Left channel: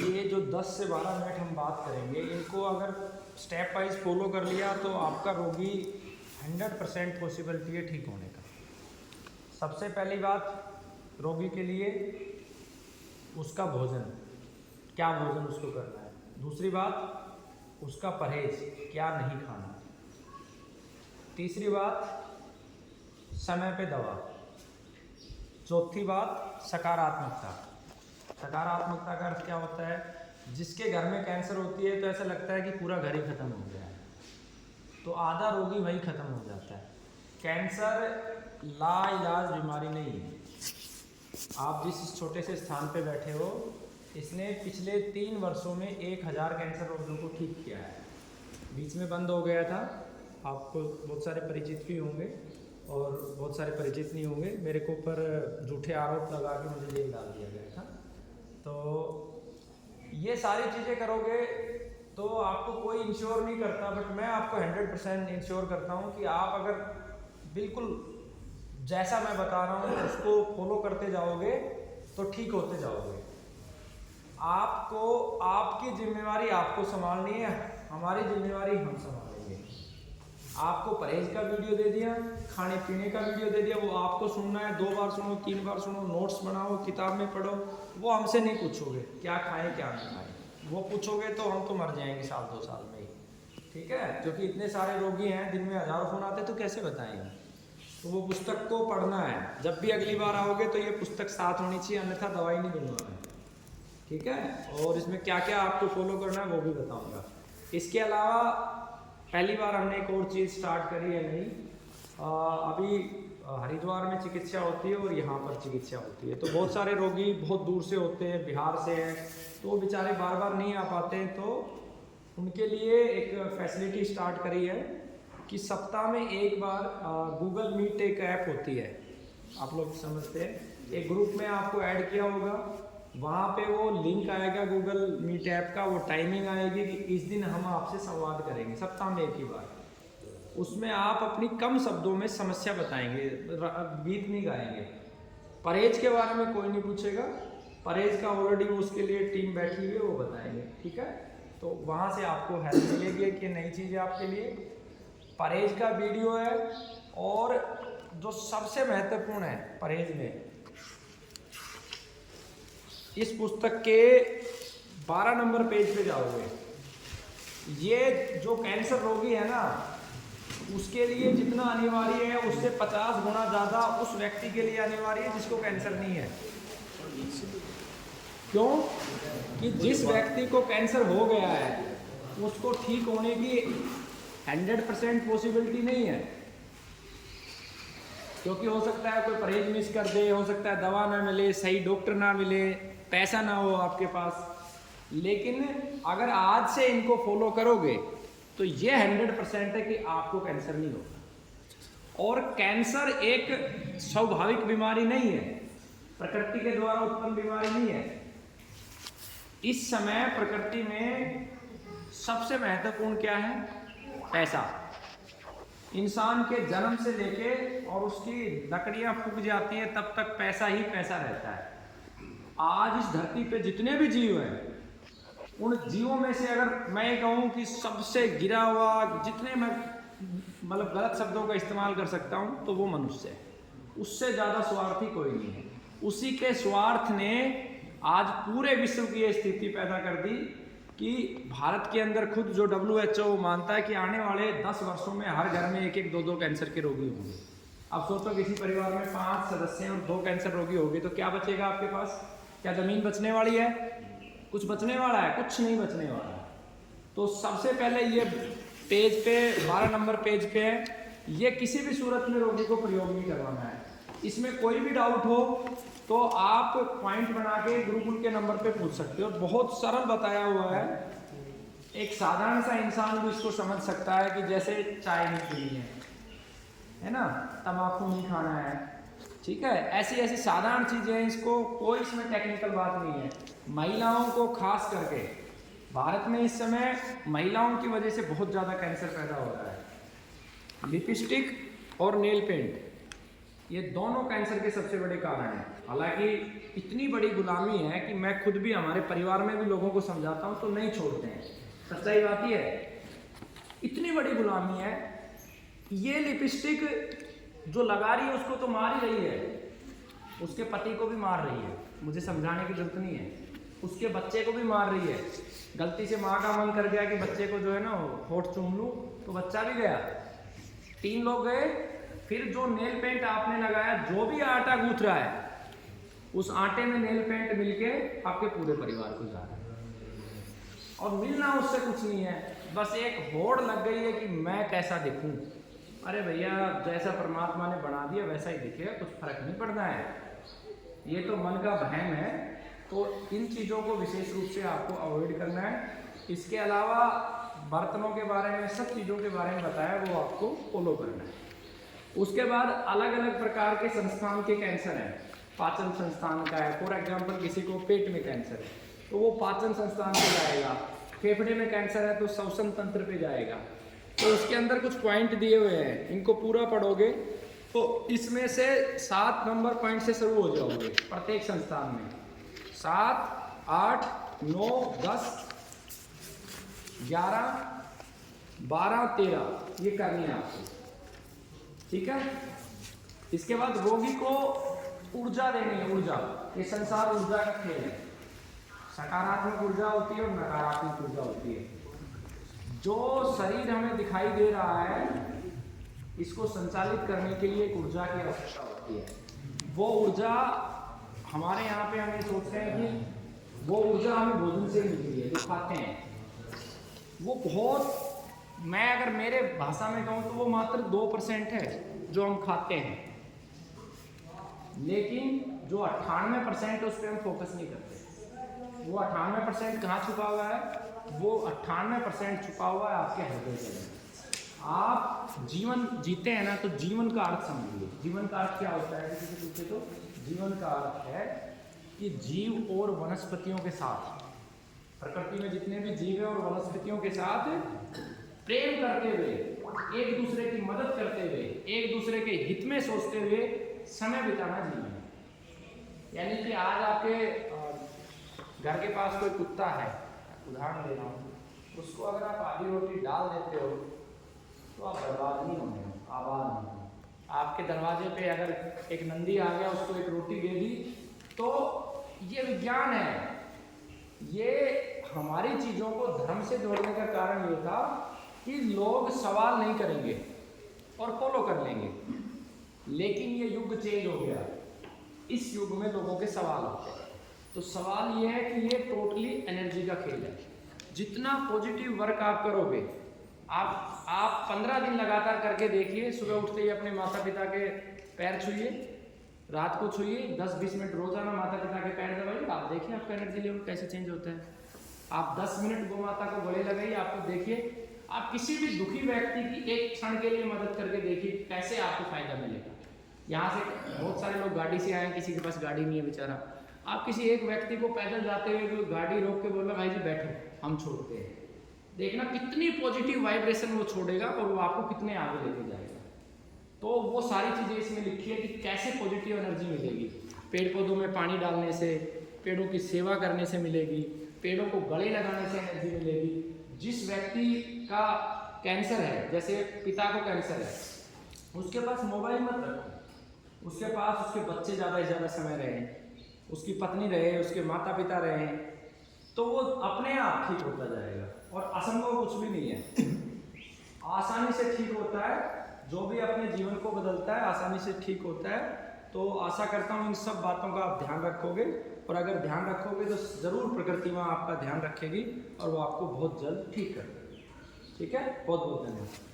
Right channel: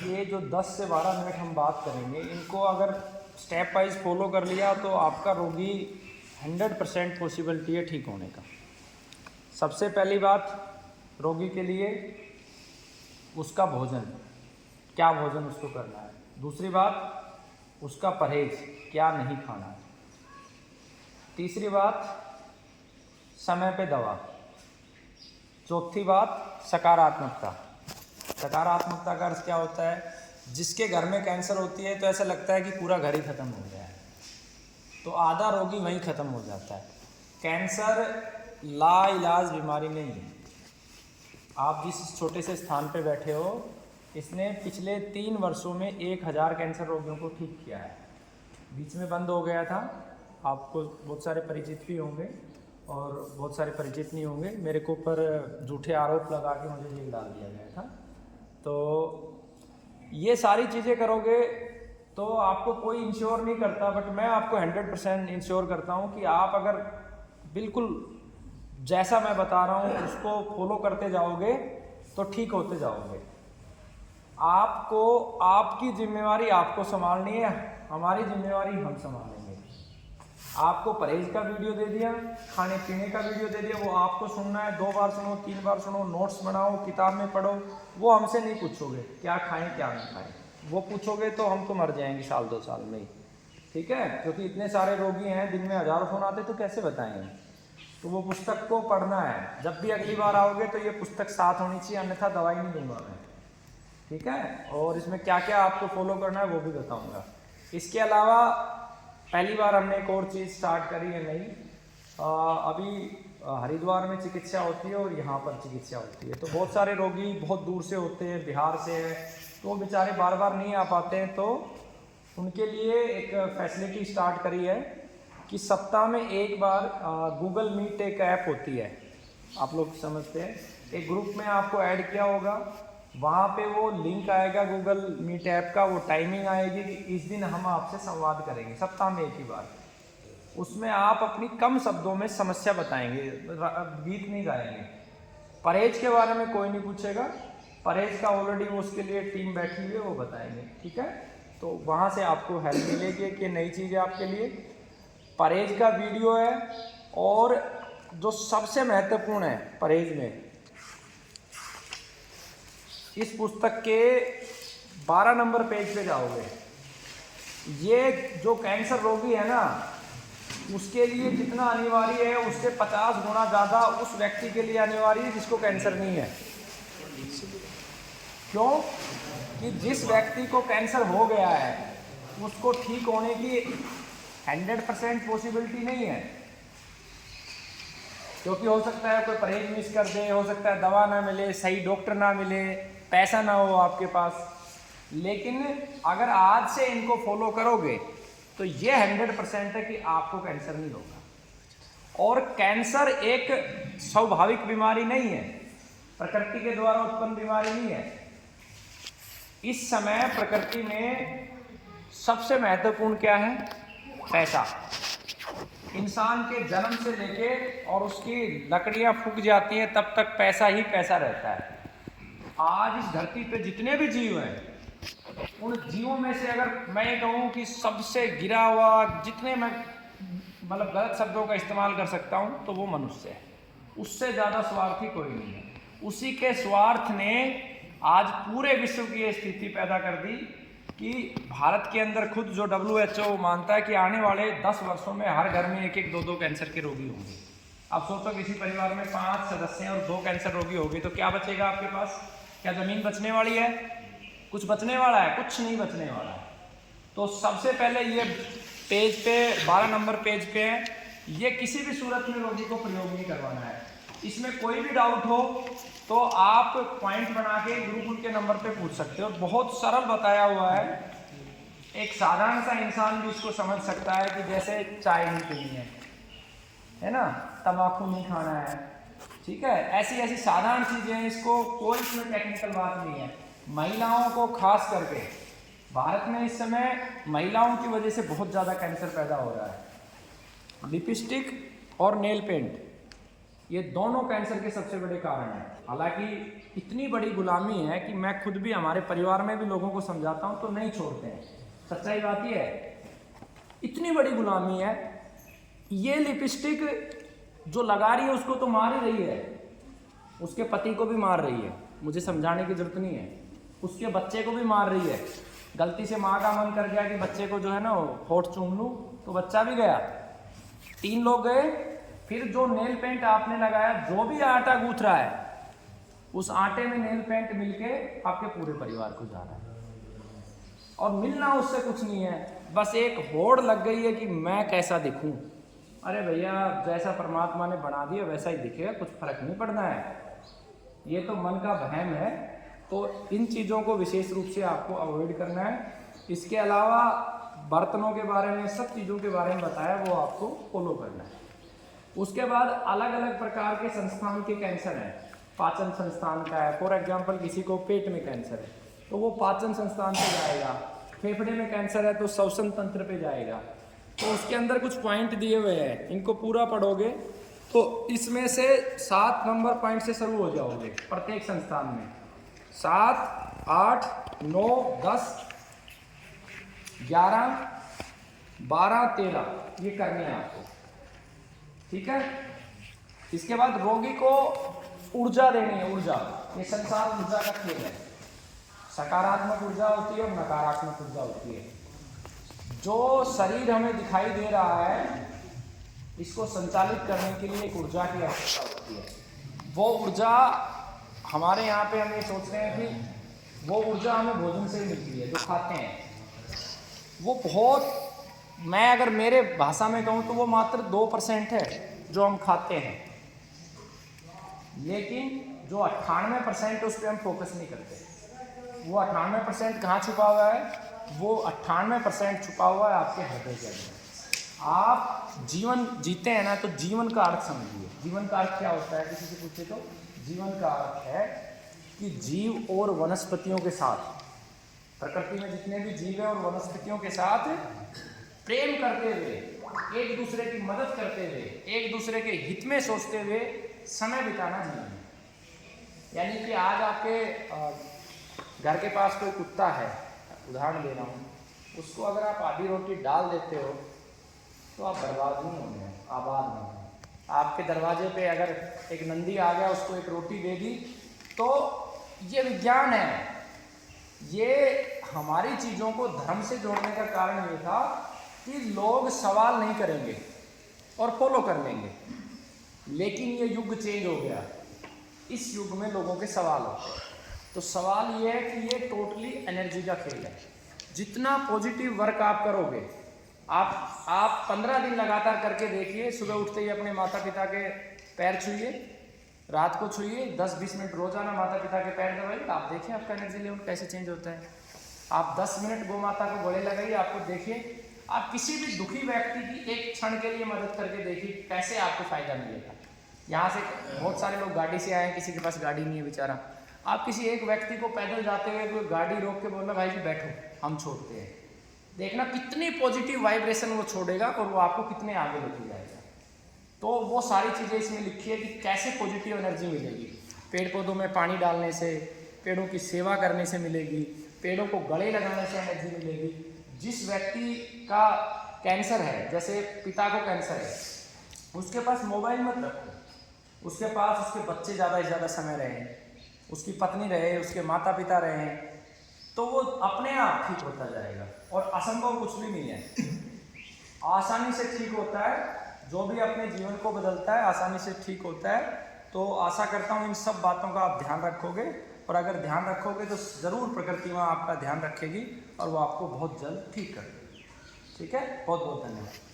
ये जो 10 से 12 मिनट हम बात करेंगे, इनको अगर स्टेप वाइज फॉलो कर लिया तो आपका रोगी 100% पॉसिबिलिटी है ठीक होने का। सबसे पहली बात रोगी के लिए उसका भोजन, क्या भोजन उसको करना है। दूसरी बात उसका परहेज, क्या नहीं खाना है। तीसरी बात समय पे दवा। चौथी बात सकारात्मकता। सकारात्मकता का अर्थ क्या होता है, जिसके घर में कैंसर होती है तो ऐसा लगता है कि पूरा घर ही ख़त्म हो गया है, तो आधा रोगी वहीं ख़त्म हो जाता है। कैंसर लाइलाज बीमारी नहीं है। आप जिस छोटे से स्थान पे बैठे हो, इसने पिछले 3 वर्षों में 1000 कैंसर रोगियों को ठीक किया है। बीच में बंद हो गया था, आपको बहुत सारे परिचित भी होंगे और बहुत सारे परिचित नहीं होंगे। मेरे को ऊपर झूठे आरोप लगा के मुझे जेल डाल दिया गया था। तो ये सारी चीज़ें करोगे तो आपको कोई इंश्योर नहीं करता, बट मैं आपको 100% इंश्योर करता हूँ कि आप अगर बिल्कुल जैसा मैं बता रहा हूँ उसको फॉलो करते जाओगे तो ठीक होते जाओगे। आपको आपकी जिम्मेवारी आपको संभालनी है, हमारी जिम्मेवारी हम संभालेंगे। आपको परहेज का वीडियो दे दिया, खाने पीने का वीडियो दे दिया, वो आपको सुनना है। 2 बार सुनो, 3 बार सुनो, नोट्स बनाओ, किताब में पढ़ो। वो हमसे नहीं पूछोगे क्या खाएं क्या नहीं खाएं, वो पूछोगे तो हम तो मर जाएंगे 1-2 साल में ही, ठीक है। क्योंकि इतने सारे रोगी हैं, दिन में हज़ारों फोन आते, तो कैसे बताएंगे। तो वो पुस्तक को पढ़ना है। जब भी अगली बार आओगे तो ये पुस्तक साथ होनी चाहिए, अन्यथा दवाई नहीं दूंगा मैं, ठीक है। और इसमें क्या क्या आपको फॉलो करना है वो भी बताऊंगा। इसके अलावा पहली बार हमने एक और चीज़ स्टार्ट करी है नई। अभी हरिद्वार में चिकित्सा होती है और यहाँ पर चिकित्सा होती है। तो बहुत सारे रोगी बहुत दूर से होते हैं, बिहार से हैं, तो वो बेचारे बार बार नहीं आ पाते हैं। तो उनके लिए एक फैसिलिटी स्टार्ट करी है कि सप्ताह में एक बार गूगल मीट एक ऐप होती है, आप लोग समझते हैं। एक ग्रुप में आपको ऐड किया होगा, वहाँ पे वो लिंक आएगा गूगल मीट ऐप का, वो टाइमिंग आएगी कि इस दिन हम आपसे संवाद करेंगे, सप्ताह में एक ही बार। उसमें आप अपनी कम शब्दों में समस्या बताएंगे, गीत नहीं गाएंगे। परहेज के बारे में कोई नहीं पूछेगा, परहेज का ऑलरेडी उसके लिए टीम बैठी हुई है, वो बताएंगे, ठीक है। तो वहाँ से आपको हेल्प मिलेगी कि नई चीज़ है आपके लिए। परहेज का वीडियो है, और जो सबसे महत्वपूर्ण है परहेज में, इस पुस्तक के 12 नंबर पेज पे जाओगे, ये जो कैंसर रोगी है ना, उसके लिए जितना अनिवार्य है उससे 50 गुना ज़्यादा उस व्यक्ति के लिए अनिवार्य है जिसको कैंसर नहीं है। क्यों कि जिस व्यक्ति को कैंसर हो गया है उसको ठीक होने की 100% पॉसिबिलिटी नहीं है। क्योंकि हो सकता है कोई परहेज मिस कर दे, हो सकता है दवा ना मिले, सही डॉक्टर ना मिले, पैसा ना हो आपके पास। लेकिन अगर आज से इनको फॉलो करोगे तो ये 100% है कि आपको कैंसर नहीं होगा। और कैंसर एक स्वाभाविक बीमारी नहीं है, प्रकृति के द्वारा उत्पन्न बीमारी नहीं है। इस समय प्रकृति में सबसे महत्वपूर्ण क्या है? पैसा। इंसान के जन्म से लेके और उसकी लकड़ियां फूक जाती हैं तब तक पैसा ही पैसा रहता है। आज इस धरती पे जितने भी जीव हैं, उन जीवों में से अगर मैं ये कहूँ कि सबसे गिरा हुआ, जितने मैं मतलब गलत शब्दों का इस्तेमाल कर सकता हूँ, तो वो मनुष्य है। उससे ज़्यादा स्वार्थी कोई नहीं है। उसी के स्वार्थ ने आज पूरे विश्व की ये स्थिति पैदा कर दी कि भारत के अंदर खुद जो WHO मानता है कि आने वाले 10 वर्षों में हर घर में 1-1, 2-2 कैंसर के रोगी होंगे। अब सोचो किसी परिवार में 5 सदस्य हैं और 2 कैंसर रोगी हो गए तो क्या बचेगा आपके पास? क्या ज़मीन बचने वाली है? कुछ बचने वाला है? कुछ नहीं बचने वाला है। तो सबसे पहले ये पेज पे 12 नंबर पेज पे है, ये किसी भी सूरत में रोगी को प्रयोग नहीं करवाना है। इसमें कोई भी डाउट हो तो आप पॉइंट बना के गुरुकुल के नंबर पे पूछ सकते हो। बहुत सरल बताया हुआ है, एक साधारण सा इंसान भी इसको समझ सकता है कि जैसे चाय नहीं पीनी है ना, तंबाकू नहीं खाना है, ठीक है। ऐसी ऐसी साधारण चीज़ें हैं, इसको कोई इसमें टेक्निकल बात नहीं है। महिलाओं को खास करके भारत में इस समय महिलाओं की वजह से बहुत ज़्यादा कैंसर पैदा हो रहा है। लिपस्टिक और नेल पेंट, ये दोनों कैंसर के सबसे बड़े कारण हैं। हालांकि इतनी बड़ी गुलामी है कि मैं खुद भी हमारे परिवार में भी लोगों को समझाता हूँ तो नहीं छोड़ते हैं। सच्चाई बात ही है, इतनी बड़ी गुलामी है। ये लिपस्टिक जो लगा रही है उसको तो मार ही रही है, उसके पति को भी मार रही है, मुझे समझाने की जरूरत नहीं है। उसके बच्चे को भी मार रही है। गलती से माँ का मन कर गया कि बच्चे को जो है ना होठ चूम लूँ, तो बच्चा भी गया, 3 लोग गए। फिर जो नेल पेंट आपने लगाया, जो भी आटा गूंथ रहा है, उस आटे में नेल पेंट मिलके आपके पूरे परिवार को जा रहा है। और मिलना उससे कुछ नहीं है, बस एक होड़ लग गई है कि मैं कैसा दिखूं। अरे भैया, जैसा परमात्मा ने बना दिया वैसा ही दिखेगा, कुछ फर्क नहीं पड़ना है। ये तो मन का वहम है, तो इन चीज़ों को विशेष रूप से आपको अवॉइड करना है। इसके अलावा बर्तनों के बारे में, सब चीज़ों के बारे में बताया, वो आपको फॉलो करना है। उसके बाद अलग अलग प्रकार के संस्थान के कैंसर हैं। पाचन संस्थान का है, फॉर एग्जांपल किसी को पेट में कैंसर है तो वो पाचन संस्थान पे जाएगा। फेफड़े में कैंसर है तो श्वसन तंत्र पे जाएगा। तो उसके अंदर कुछ पॉइंट दिए हुए हैं, इनको पूरा पढ़ोगे तो इसमें से 7 नंबर पॉइंट से शुरू हो जाओगे प्रत्येक संस्थान में। 7, 8, 9, 10, 11, 12, 13 ये करनी है आपको, ठीक है। इसके बाद रोगी को ऊर्जा देनी है। ऊर्जा, ये संसार ऊर्जा का खेल है। सकारात्मक ऊर्जा होती है और नकारात्मक ऊर्जा होती है। जो शरीर हमें दिखाई दे रहा है, इसको संचालित करने के लिए एक ऊर्जा की आवश्यकता होती है। वो ऊर्जा हमारे यहाँ पे हम ये सोच रहे हैं कि वो ऊर्जा हमें भोजन से मिलती है, जो खाते हैं। वो बहुत, मैं अगर मेरे भाषा में कहूँ तो वो मात्र 2% है जो हम खाते हैं, लेकिन जो 98% उस पर हम फोकस नहीं करते। वो 98% कहाँ छुपा हुआ है? वो 98% छुपा हुआ है आपके हृदय के अंदर। आप जीवन जीते हैं ना, तो जीवन का अर्थ समझिए। जीवन का अर्थ क्या होता है, किसी से पूछे तो जीवन का अर्थ है कि जीव और वनस्पतियों के साथ, प्रकृति में जितने भी जीव हैं और वनस्पतियों के साथ प्रेम करते हुए, एक दूसरे की मदद करते हुए, एक दूसरे के हित में सोचते हुए समय बिताना जीवन। यानी कि आज आपके घर के पास कोई कुत्ता है, उदाहरण दे रहा हूँ, उसको अगर आप आधी रोटी डाल देते हो तो आप बर्बाद नहीं होंगे, आबाद होंगे। आपके दरवाजे पे अगर एक नंदी आ गया, उसको एक रोटी दे दी, तो ये विज्ञान है। ये हमारी चीज़ों को धर्म से जोड़ने का कारण ये था कि लोग सवाल नहीं करेंगे और फॉलो कर लेंगे। लेकिन ये युग चेंज हो गया, इस युग में लोगों के सवाल होते हैं। तो सवाल ये है कि ये टोटली एनर्जी का खेल है। जितना पॉजिटिव वर्क आप करोगे, आप 15 दिन लगातार करके देखिए। सुबह उठते ही अपने माता पिता के पैर छूइए, रात को छूइए, 10-20 मिनट रोजाना माता पिता के पैर दबाइए, आप देखिए आपका एनर्जी लेवल कैसे चेंज होता है। आप 10 मिनट गौ माता को गले लगाइए, आपको देखिए आप किसी भी दुखी व्यक्ति की एक क्षण के लिए मदद करके देखिए कैसे आपको फायदा मिलेगा। यहाँ से बहुत सारे लोग गाड़ी से आए हैं, किसी के पास गाड़ी नहीं है बेचारा। आप किसी एक व्यक्ति को पैदल जाते हुए कोई गाड़ी रोक के बोलना, भाई जी बैठो, हम छोड़ते हैं, देखना कितनी पॉजिटिव वाइब्रेशन वो छोड़ेगा और वो आपको कितने आगे लेके जाएगा। तो वो सारी चीज़ें इसमें लिखी है कि कैसे पॉजिटिव एनर्जी मिलेगी। पेड़ पौधों में पानी डालने से, पेड़ों की सेवा करने से मिलेगी, पेड़ों को गले लगाने से एनर्जी मिलेगी। जिस व्यक्ति का कैंसर है, जैसे पिता को कैंसर है, उसके पास मोबाइल मत रखो, उसके पास उसके बच्चे ज़्यादा से ज़्यादा समय रहे, उसकी पत्नी रहे, उसके माता पिता रहे, तो वो अपने आप ठीक होता जाएगा। और असंभव कुछ भी नहीं है, आसानी से ठीक होता है। जो भी अपने जीवन को बदलता है आसानी से ठीक होता है। तो आशा करता हूँ इन सब बातों का आप ध्यान रखोगे, और अगर ध्यान रखोगे तो ज़रूर प्रकृति माँ आपका ध्यान रखेगी और वो आपको बहुत जल्द ठीक कर देगी। ठीक है, बहुत बहुत धन्यवाद।